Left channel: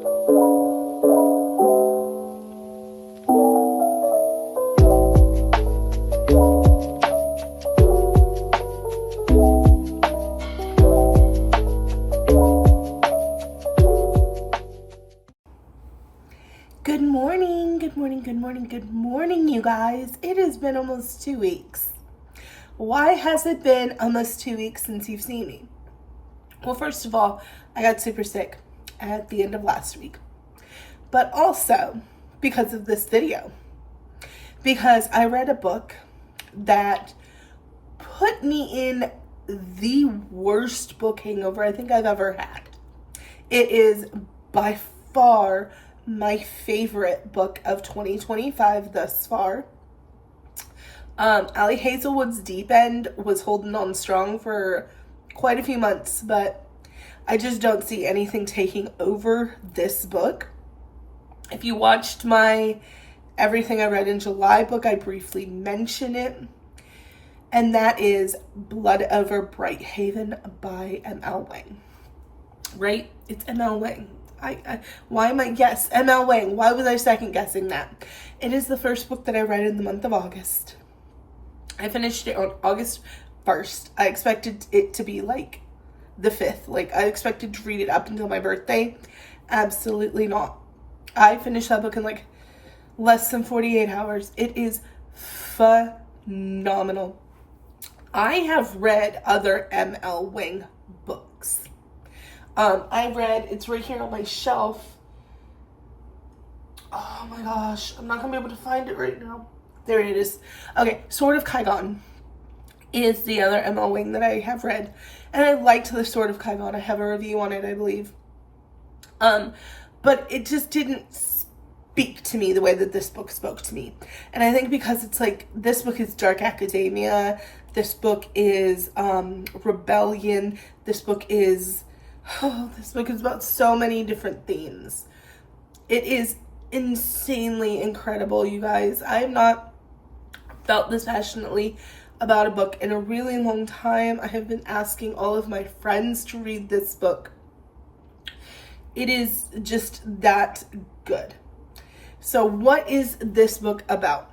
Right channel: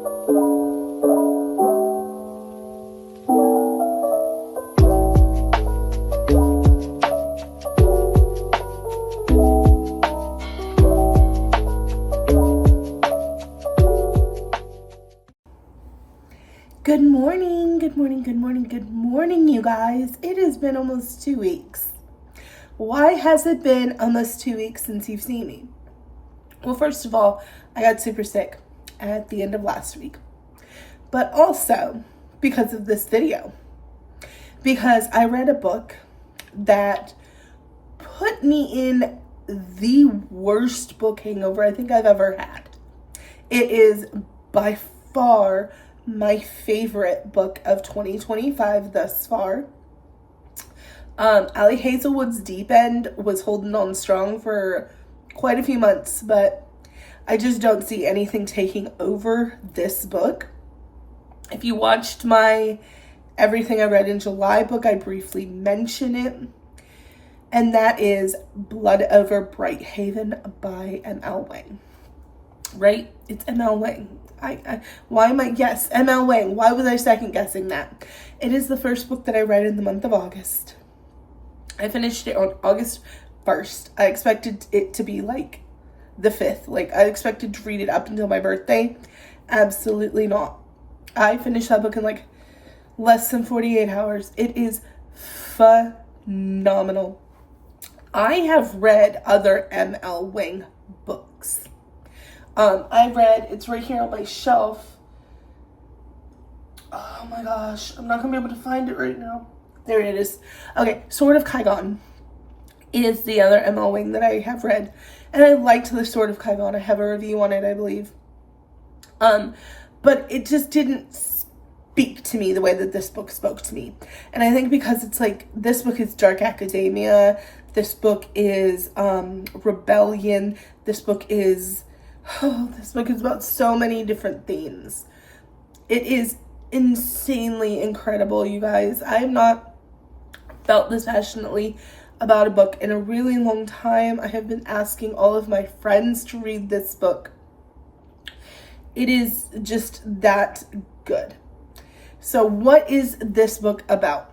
Good morning, good morning, good morning, good morning, you guys. It has been almost 2 weeks. Why has it been almost 2 weeks since you've seen me? Well, first of all, I got super sick at the end of last week, but also because of this video, because I read a book that put me in the worst book hangover I think I've ever had. It is by far my favorite book of 2025 thus far. Ali Hazelwood's Deep End was holding on strong for quite a few months, but I just don't see anything taking over this book. If you watched my Everything I Read in July book, I briefly mention it, and that is Blood Over Brighthaven by M.L. Wang. Right? It's M.L. Wang. Yes, M.L. Wang. Why was I second guessing that? It is the first book that I read in the month of August. I finished it on August 1st. I expected it to be like the 5th. Like, I expected to read it up until my birthday. Absolutely not. I finished that book in like less than 48 hours. It is phenomenal. I have read other M.L. Wang books. It's right here on my shelf. Oh my gosh, I'm not gonna be able to find it right now. There it is. Okay, Sword of Kaigon is the other M.L. Wang that I have read. And I liked the Sword of Kaigon. I have a review on it, I believe. But it just didn't speak to me the way that this book spoke to me. And I think because it's like, this book is dark academia. This book is rebellion. This book is about so many different themes. It is insanely incredible, you guys. I have not felt this passionately about a book in a really long time. I have been asking all of my friends to read this book. It is just that good. So what is this book about?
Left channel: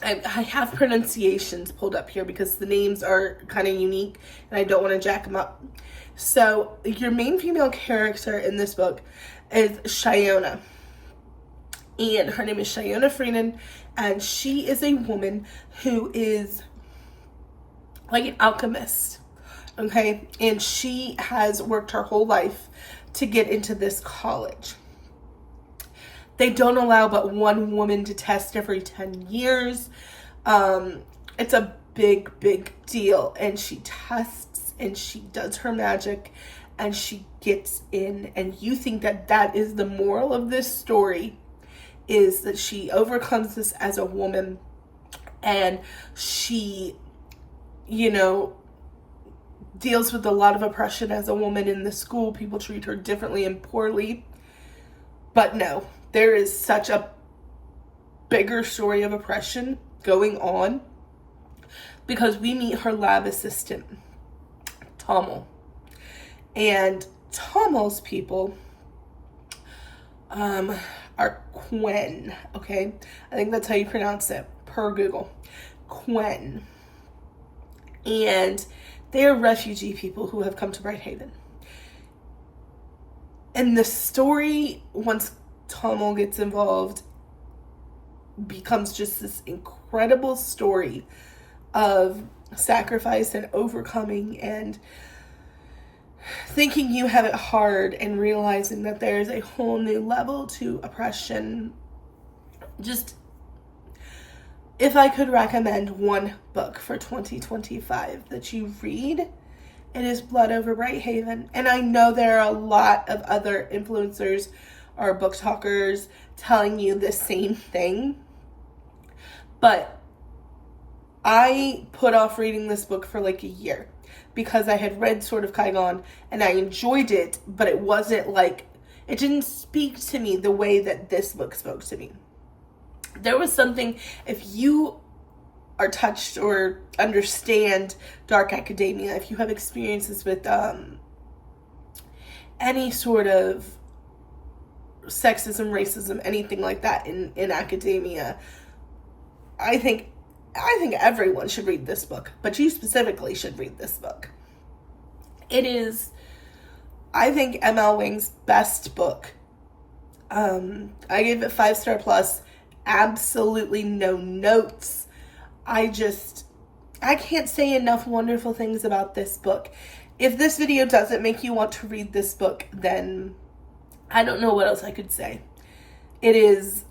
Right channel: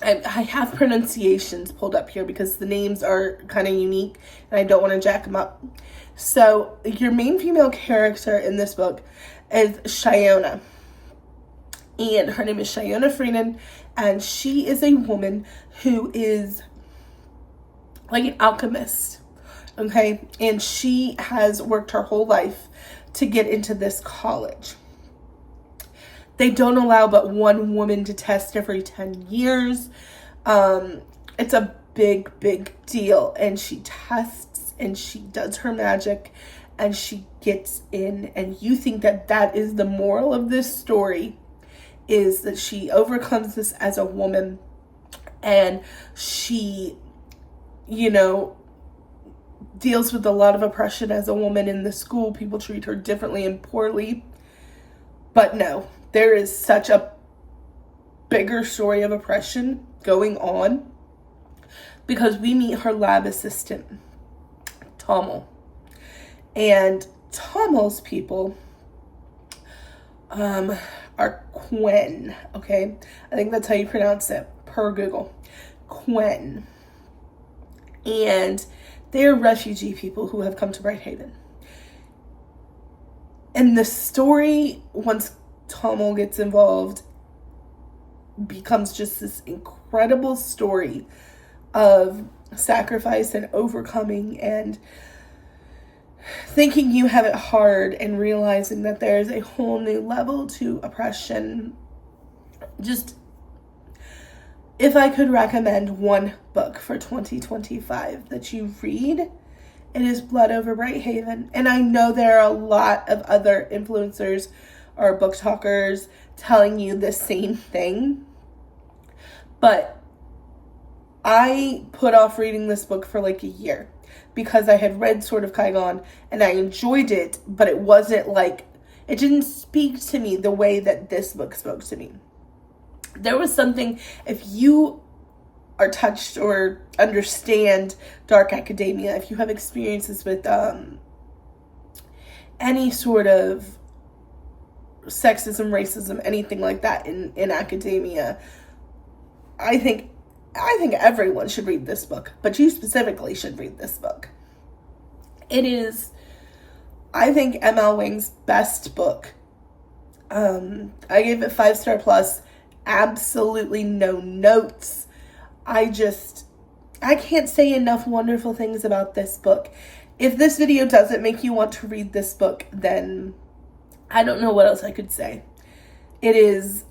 I have pronunciations pulled up here because the names are kind of unique and I don't want to jack them up. So your main female character in this book is Shiona. And her name is Shiona Freeman. And she is a woman who is like an alchemist. Okay? And she has worked her whole life to get into this college. They don't allow but one woman to test every 10 years. It's a big, big deal. And she tests and she does her magic and she gets in. And you think that that is the moral of this story, is that she overcomes this as a woman and she, deals with a lot of oppression as a woman in the school. People treat her differently and poorly. But no, there is such a bigger story of oppression going on because we meet her lab assistant, Tommel. And Tommel's people are Quen, okay? I think that's how you pronounce it, per Google. Quen. And they are refugee people who have come to Brighthaven. And the story, once Tommel gets involved, becomes just this incredible story of sacrifice and overcoming and thinking you have it hard and realizing that there's a whole new level to oppression. Just, if I could recommend one book for 2025 that you read, it is Blood Over Brighthaven. And I know there are a lot of other influencers or book talkers telling you the same thing, but I put off reading this book for like a year because I had read Sword of Kaigon and I enjoyed it, but it wasn't like, it didn't speak to me the way that this book spoke to me. There was something, if you are touched or understand dark academia, if you have experiences with any sort of sexism, racism, anything like that in academia. I think everyone should read this book, but you specifically should read this book. It is, I think, ML Wang's best book. I gave it 5-star plus, absolutely no notes. I can't say enough wonderful things about this book. If this video doesn't make you want to read this book, then I don't know what else I could say. It is,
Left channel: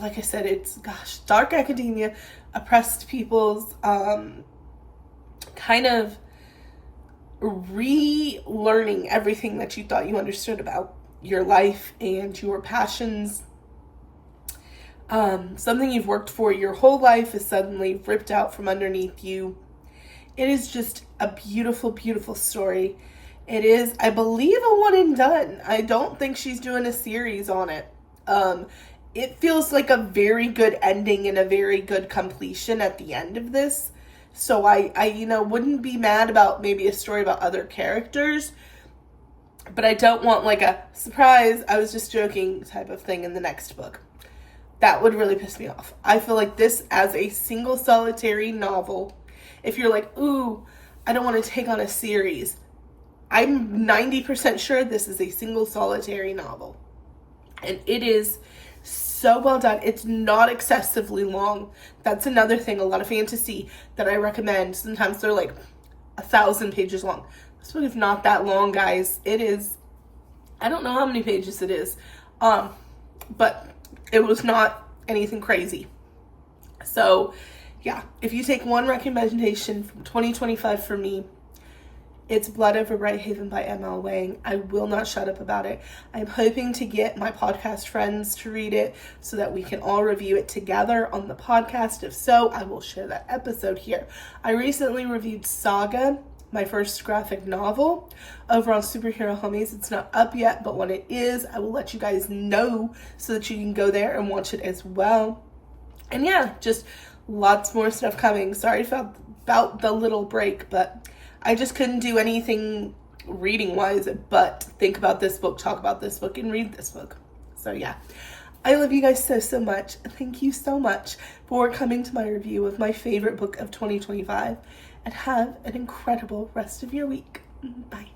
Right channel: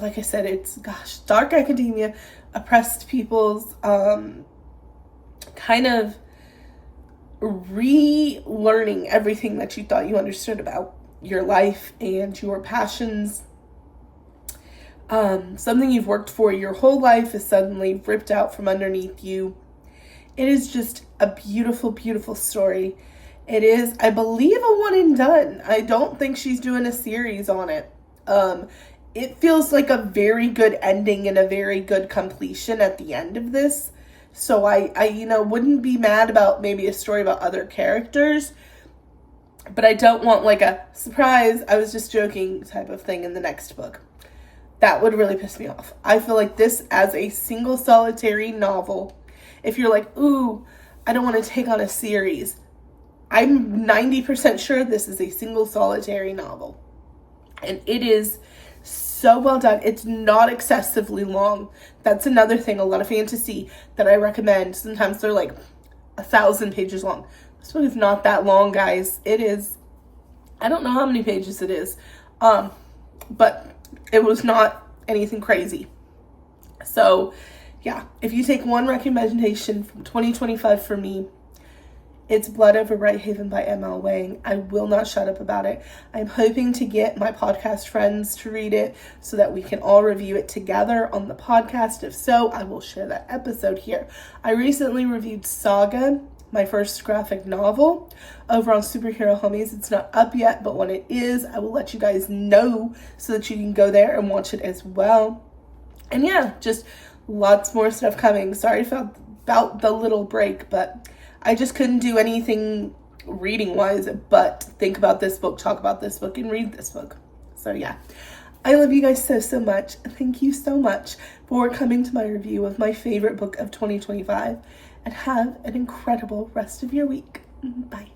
like I said, it's, dark academia, oppressed people's, kind of relearning everything that you thought you understood about your life and your passions. Something you've worked for your whole life is suddenly ripped out from underneath you. It is just a beautiful, beautiful story. It is, I believe, a one and done. I don't think she's doing a series on it. It feels like a very good ending and a very good completion at the end of this. So I wouldn't be mad about maybe a story about other characters, but I don't want like a surprise, I was just joking type of thing in the next book. That would really piss me off. I feel like this as a single solitary novel, if you're like, ooh, I don't want to take on a series, I'm 90% sure this is a single solitary novel. And it is so well done. It's not excessively long. That's another thing. A lot of fantasy that I recommend, sometimes they're like 1,000 pages long. This book is not that long, guys. It is, I don't know how many pages it is, but it was not anything crazy. So yeah, if you take one recommendation from 2025 for me, it's Blood Over Brighthaven by ML Wang. I will not shut up about it. I'm hoping to get my podcast friends to read it so that we can all review it together on the podcast. If so, I will share that episode here. I recently reviewed Saga, my first graphic novel, over on Superhero Homies. It's not up yet, but when it is, I will let you guys know so that you can go there and watch it as well. And yeah, just lots more stuff coming. Sorry about the little break, but I just couldn't do anything reading-wise but think about this book, talk about this book, and read this book. So yeah, I love you guys so much. Thank you so much for coming to my review of my favorite book of 2025, and have an incredible rest of your week. Bye.